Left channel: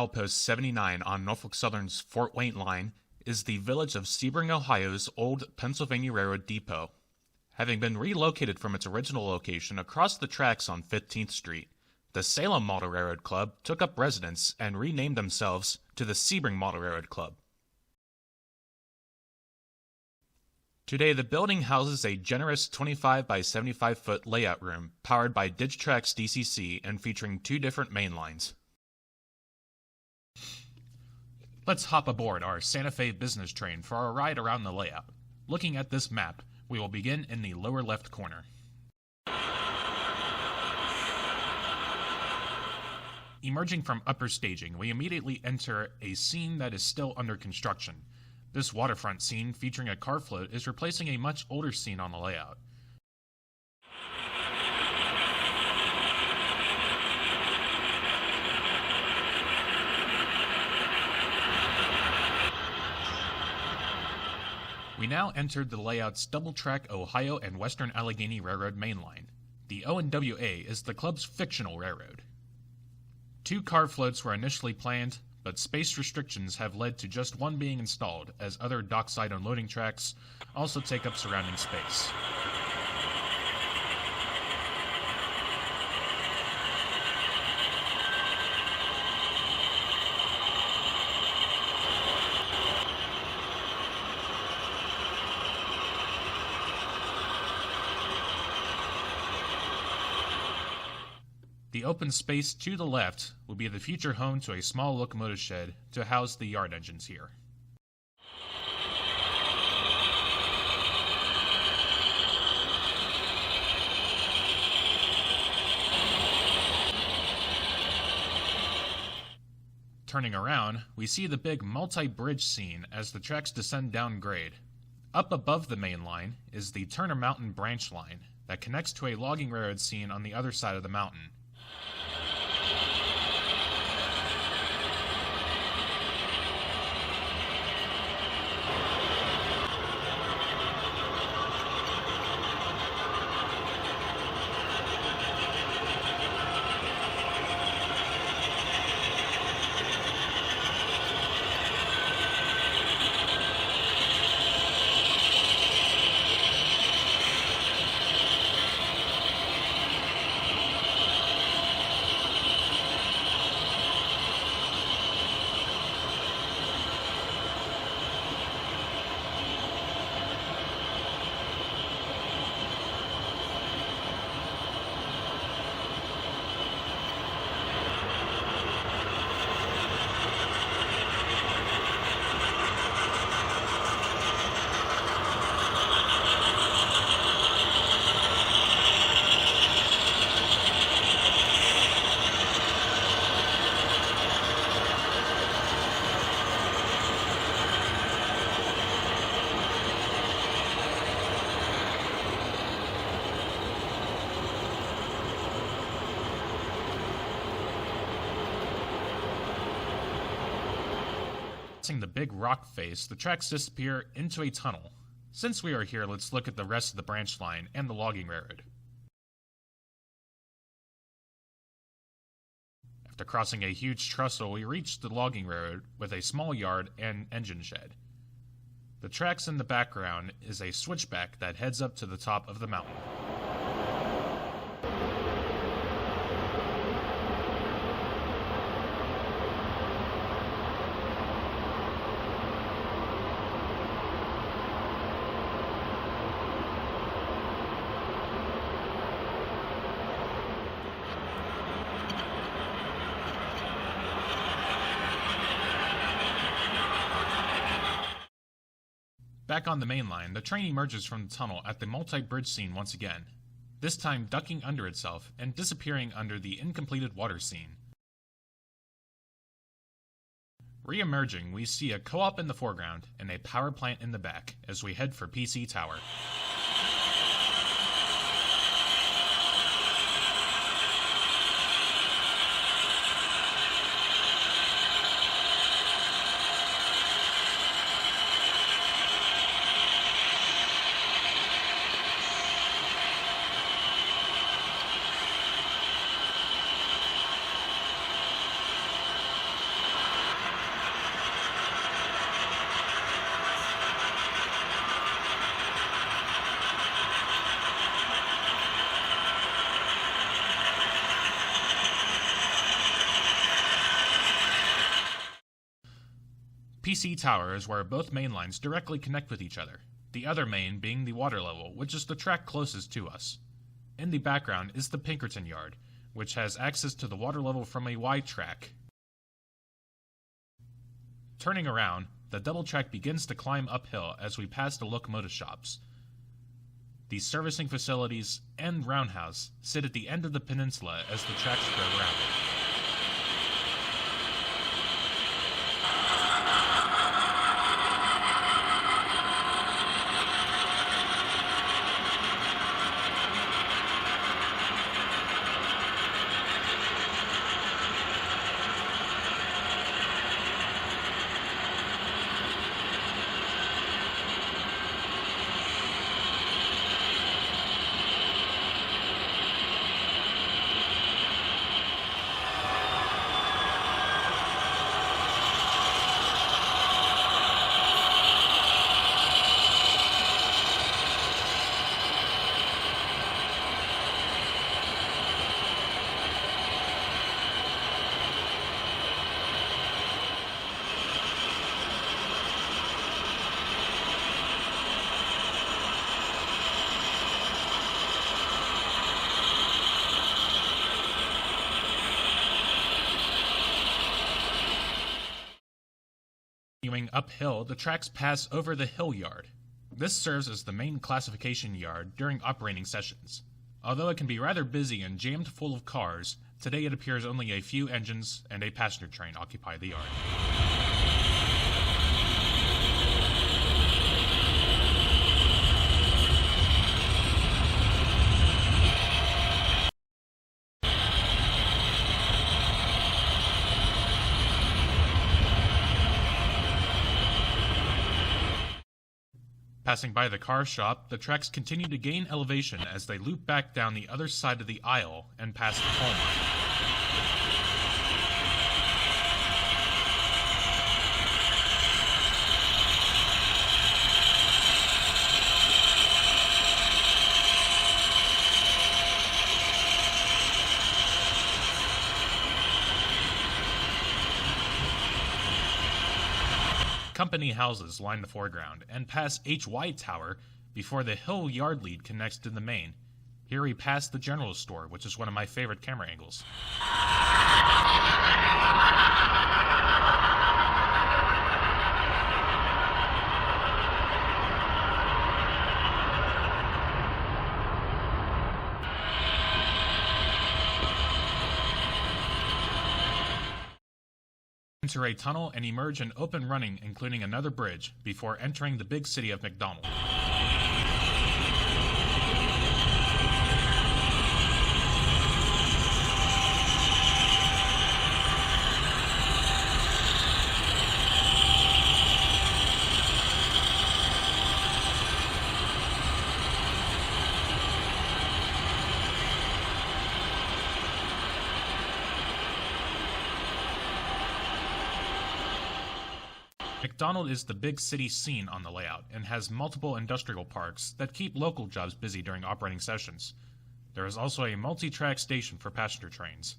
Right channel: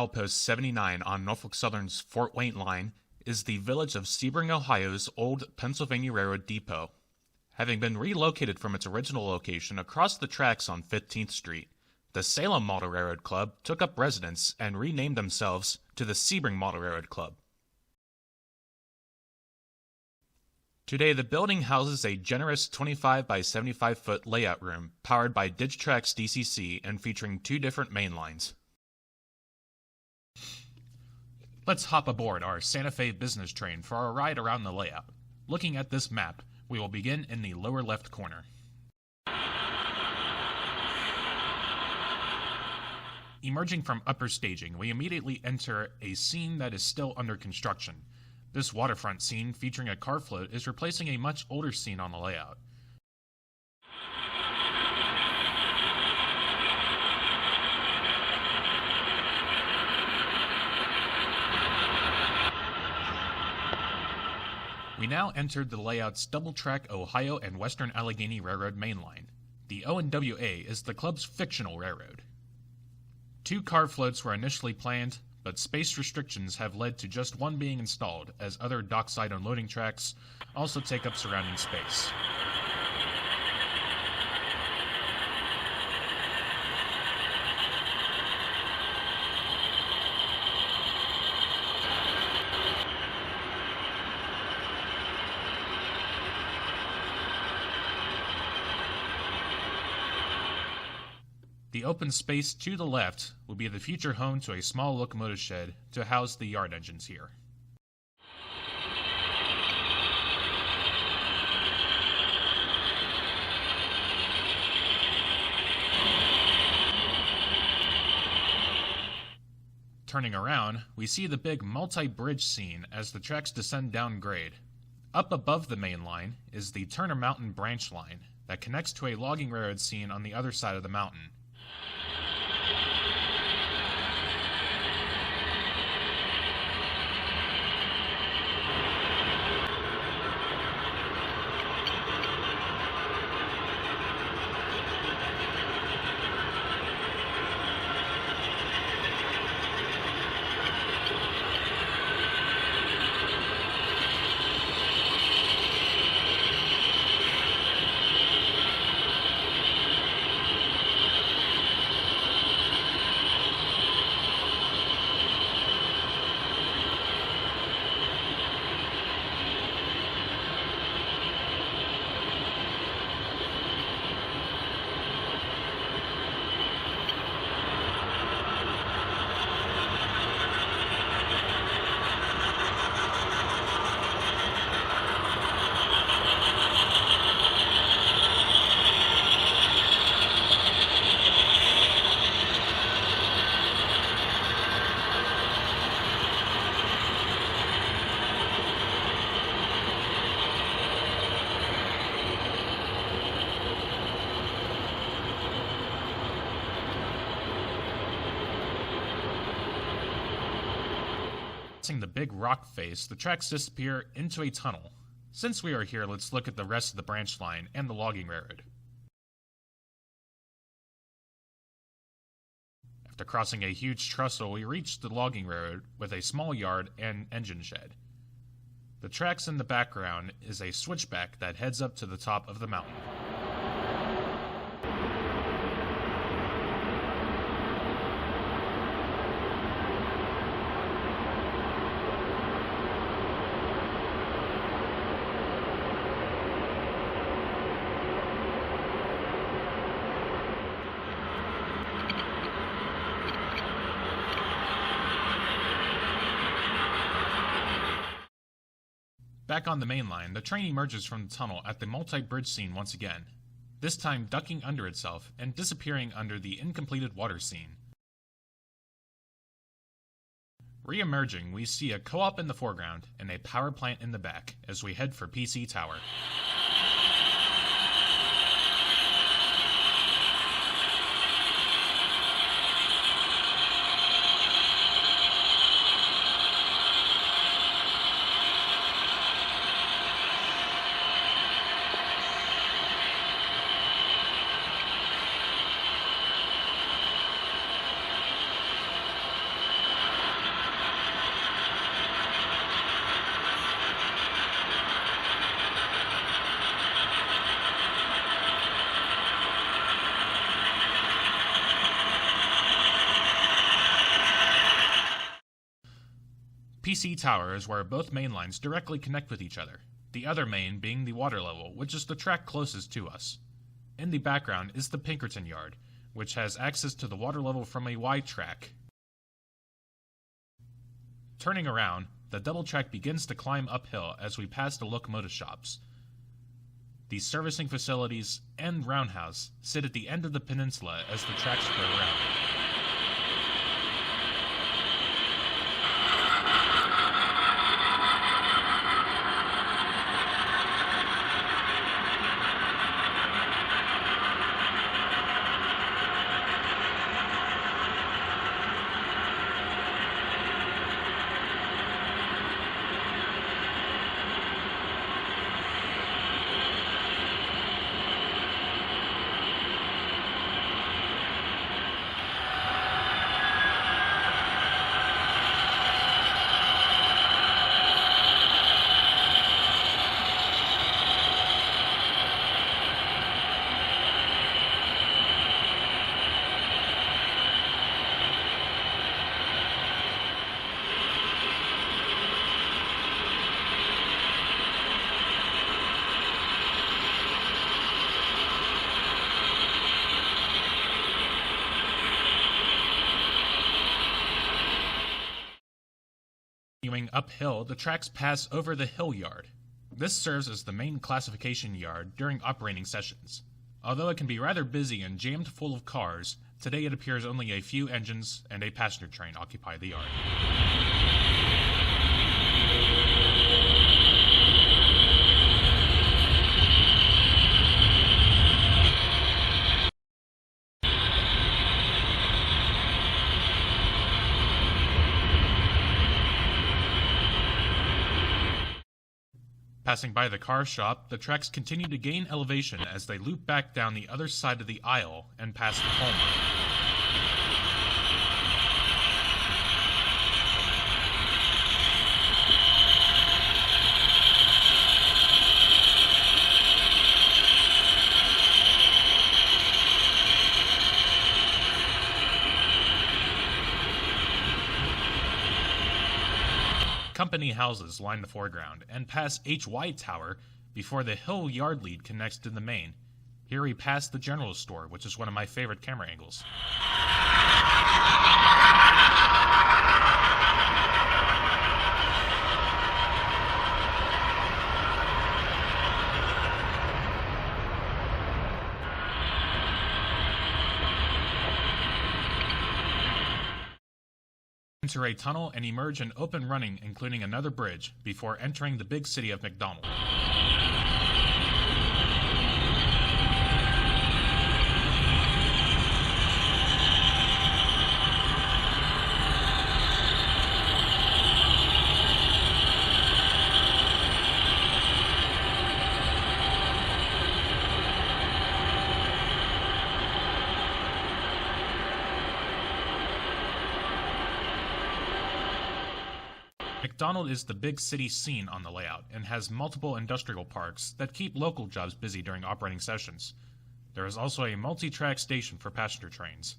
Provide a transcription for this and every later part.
milepost 79 on Norfolk Southern's Fort Wayne line is the village of Sebring, Ohio's old Pennsylvania Railroad depot. Having been relocated from its original location across the tracks on 15th Street, the Salem Model Railroad Club took up residence and renamed themselves to the Sebring Model Railroad Club. Today, the building houses a generous 25 by 75 foot layout room powered by Digitrax DCC and featuring 2 different main lines. Let's hop aboard our Santa Fe business train for our ride around the layout. Looking at this map, we will begin in the lower left corner. Emerging from upper staging, we immediately enter a scene that is still under construction. This waterfront scene featuring a car float is replacing a much older scene on the layout. We now entered the layout's double-track Ohio and Western Allegheny Railroad mainline. The O&WA is the club's fictional railroad. 2 car floats were initially planned, but space restrictions have led to just one being installed, as other dockside unloading tracks also take up surrounding space. The open space to the left will be the future home to a small locomotive shed to house the yard engines here. Turning around, we see the big multi-bridge scene as the tracks descend down grade. Up above the main line is the Turner Mountain branch line that connects to a logging railroad scene on the other side of the mountain. Passing the big rock face, the tracks disappear into a tunnel. Since we are here, let's look at the rest of the branch line and the logging railroad. After crossing a huge trestle, we reach the logging railroad with a small yard and engine shed. The tracks in the background is a switchback that heads up to the top of the mountain. Back on the main line, the train emerges from the tunnel at the multi-bridge scene once again, this time ducking under itself and disappearing under the incompleted water scene. Re-emerging, we see a co-op in the foreground and a power plant in the back as we head for PC Tower. PC Tower is where both main lines directly connect with each other, the other main being the water level, which is the track closest to us. In the background is the Pinkerton Yard, which has access to the water level from a Y track. Turning around, the double track begins to climb uphill as we pass the locomotive shops. The servicing facilities and roundhouse sit at the end of the peninsula as the tracks curve around it. Continuing uphill, the tracks pass over the Hill Yard. This serves as the main classification yard during operating sessions. Although it can be rather busy and jammed full of cars, today it appears only a few engines and a passenger train occupy the yard. Passing by the car shop, the tracks continue to gain elevation as they loop back down the other side of the aisle and past the coal mine. Company houses line the foreground and pass HY Tower before the Hill Yard lead connects to the main. Here we pass the general store, which is one of my favorite camera angles. Enter a tunnel and emerge in open running, including another bridge, before entering the big city of McDonald. McDonald is the big city scene on the layout and has multiple industrial parks that keep local jobs busy during operating sessions. There is also a multi-track station for passenger trains.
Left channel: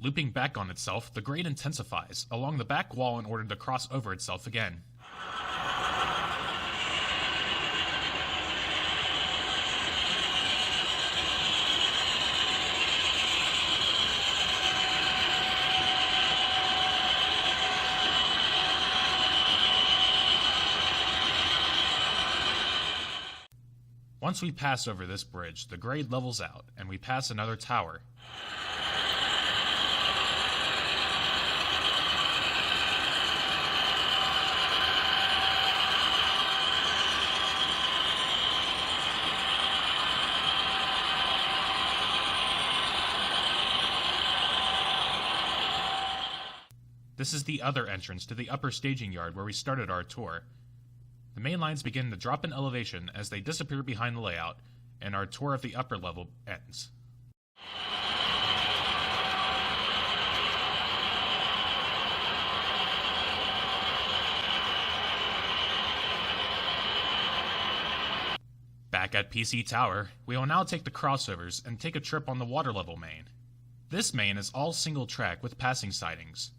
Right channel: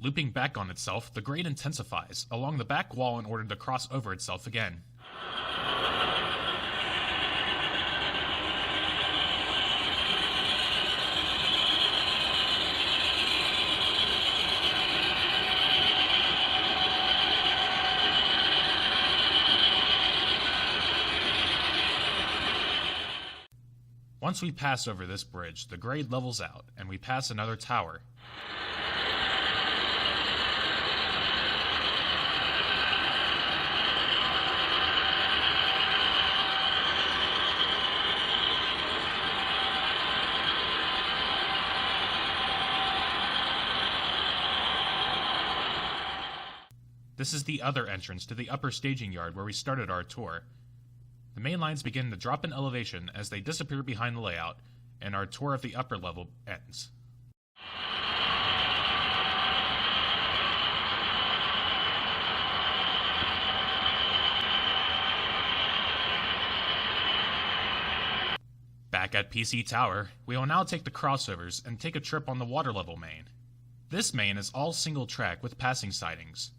Looping back on itself, the grade intensifies along the back wall in order to cross over itself again. Once we pass over this bridge, the grade levels out, and we pass another tower. This is the other entrance to the upper staging yard where we started our tour. The main lines begin to drop in elevation as they disappear behind the layout, and our tour of the upper level ends. Back at PC Tower, we will now take the crossovers and take a trip on the water level main. This main is all single track with passing sidings.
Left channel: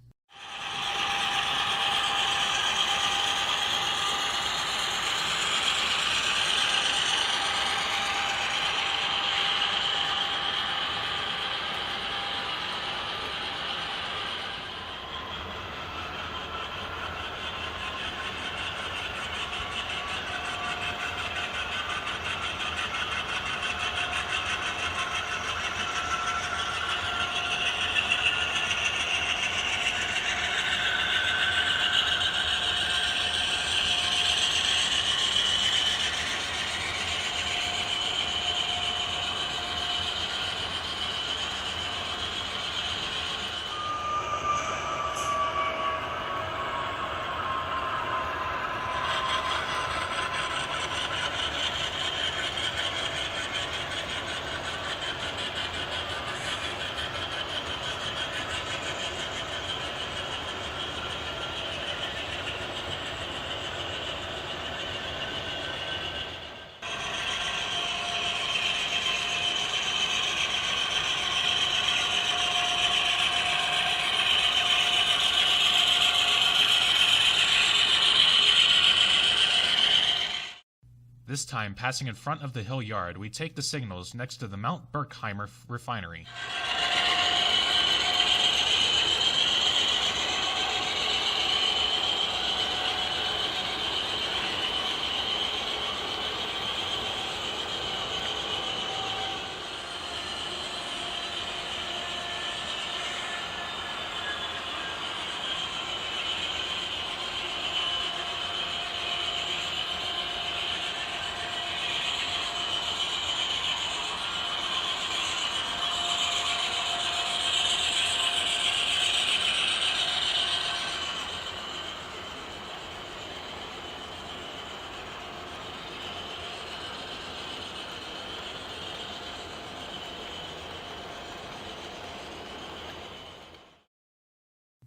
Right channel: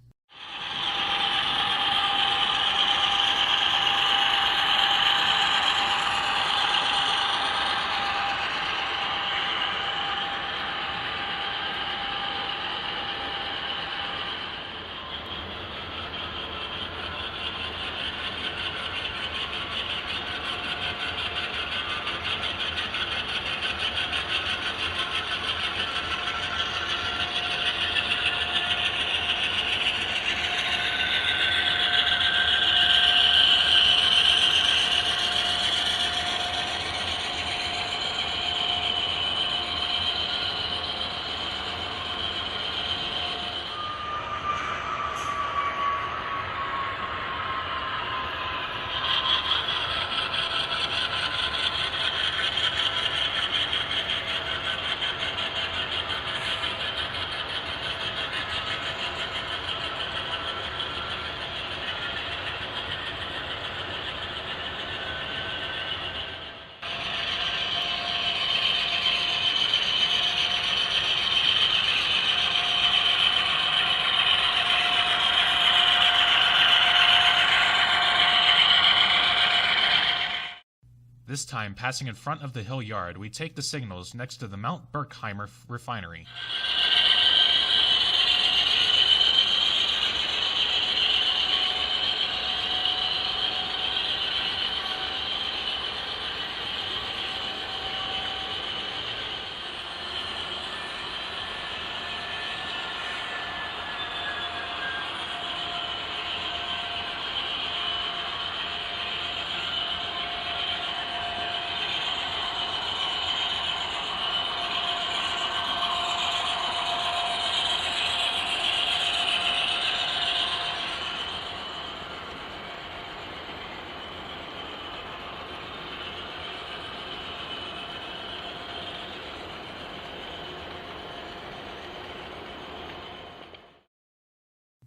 This time, passing in front of the hill yard, we take the signals next to the Mount Berkheimer refinery.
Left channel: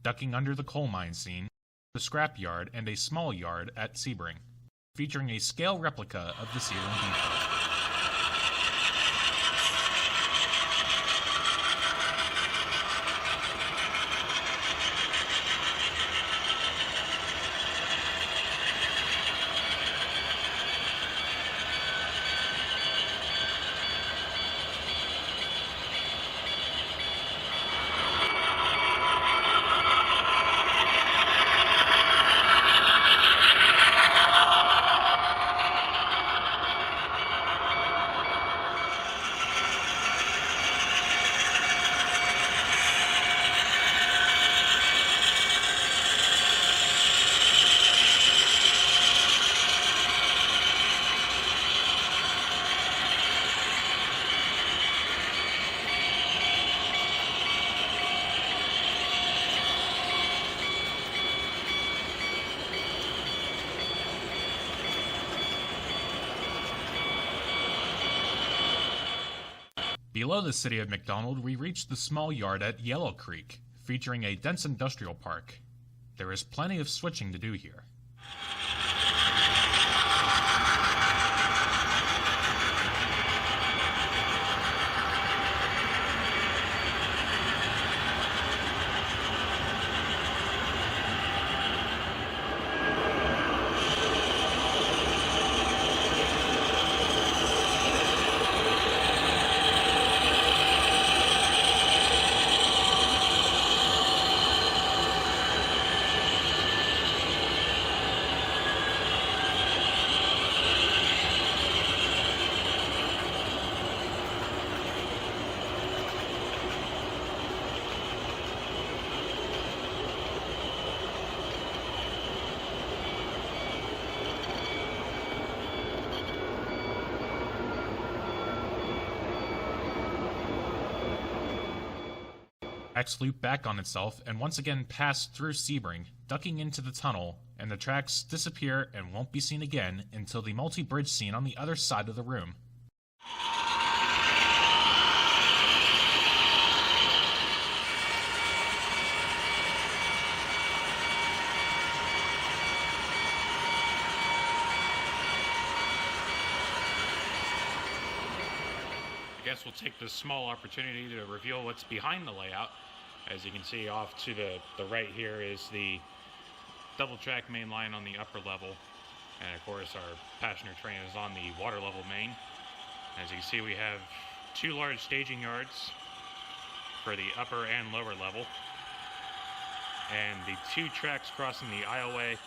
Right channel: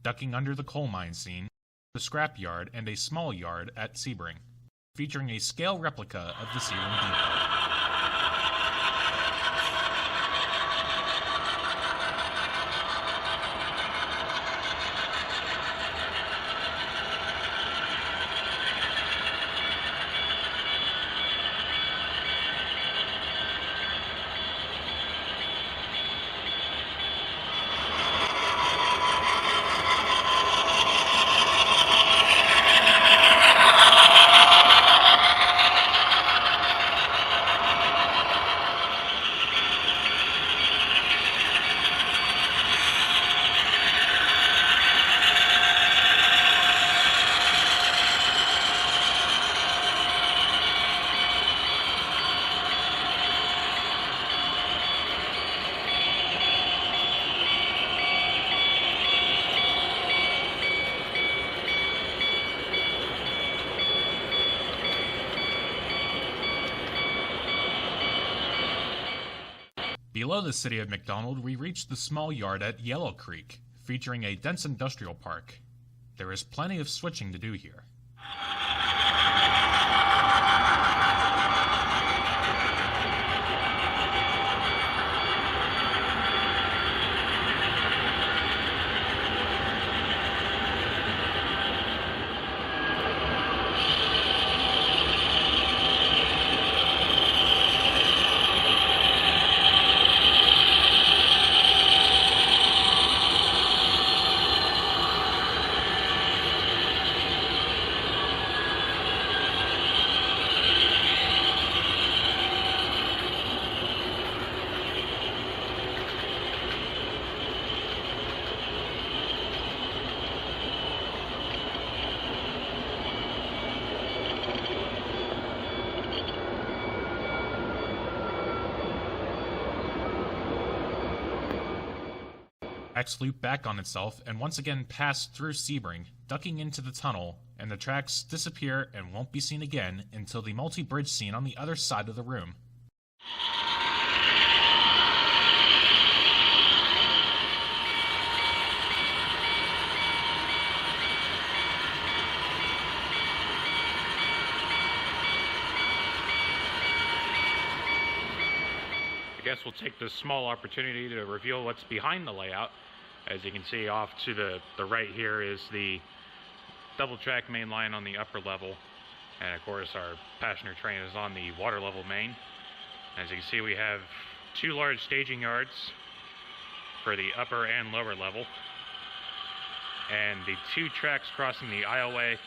Ducking under the coal mine scene, the scrap yard, and a small yard at Sebring, featuring a scale replica of the Sebring Depot. Below the city of McDonald, we reach the small yard at Yellow Creek, featuring a dense industrial park. There is plenty of switching to do here. Tracks loop back on itself and once again pass through Sebring, ducking into the tunnel, and the tracks disappear and won't be seen again until the multi-bridge scene on the other side of the room. I guess we'll take this small opportunity to reveal what's behind the layout. As you can see, off to the right here is the double track main line on the upper level, and of course our passenger train is on the water level main. As you can see, we have two large staging yards for the upper and lower level, and the two tracks crossing the aisleway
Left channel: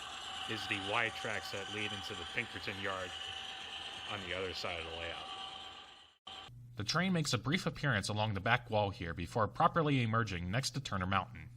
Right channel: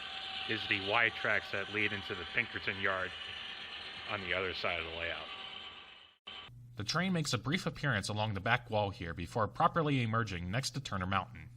is the Y tracks that lead into the Pinkerton yard on the other side of the layout. The train makes a brief appearance along the back wall here before properly emerging next to Turner Mountain.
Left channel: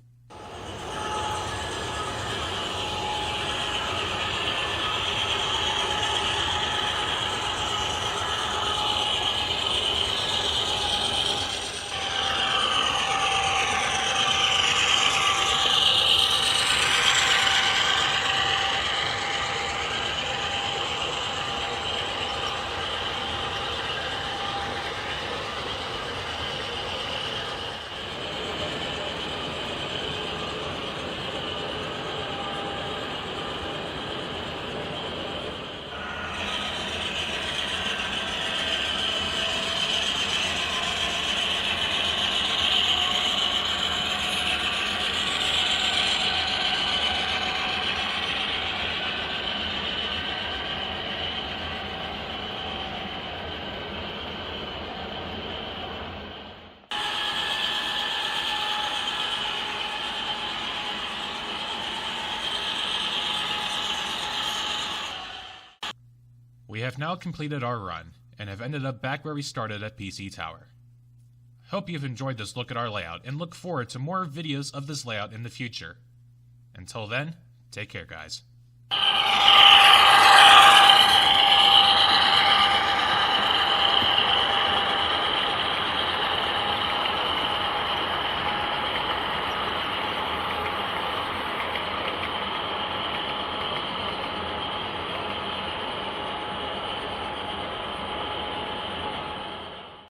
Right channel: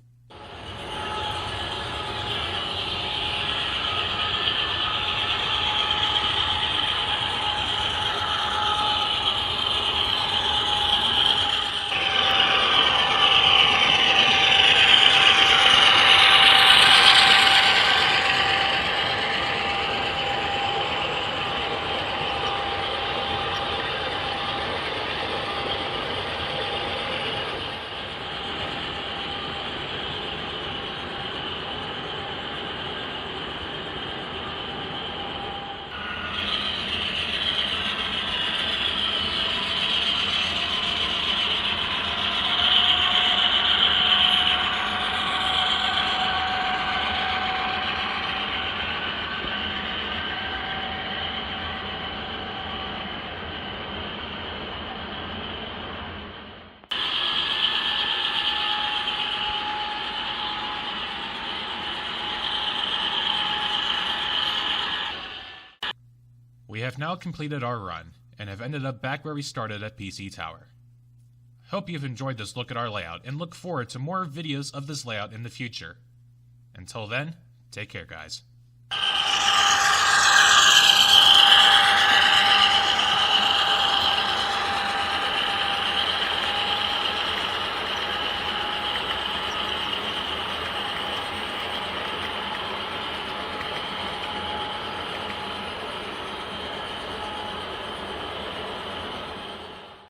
We have now completed our run, and have ended up back where we started at PC Tower. Hope you've enjoyed this look at our layout, and look forward to more videos of this layout in the future. Until then, take care guys.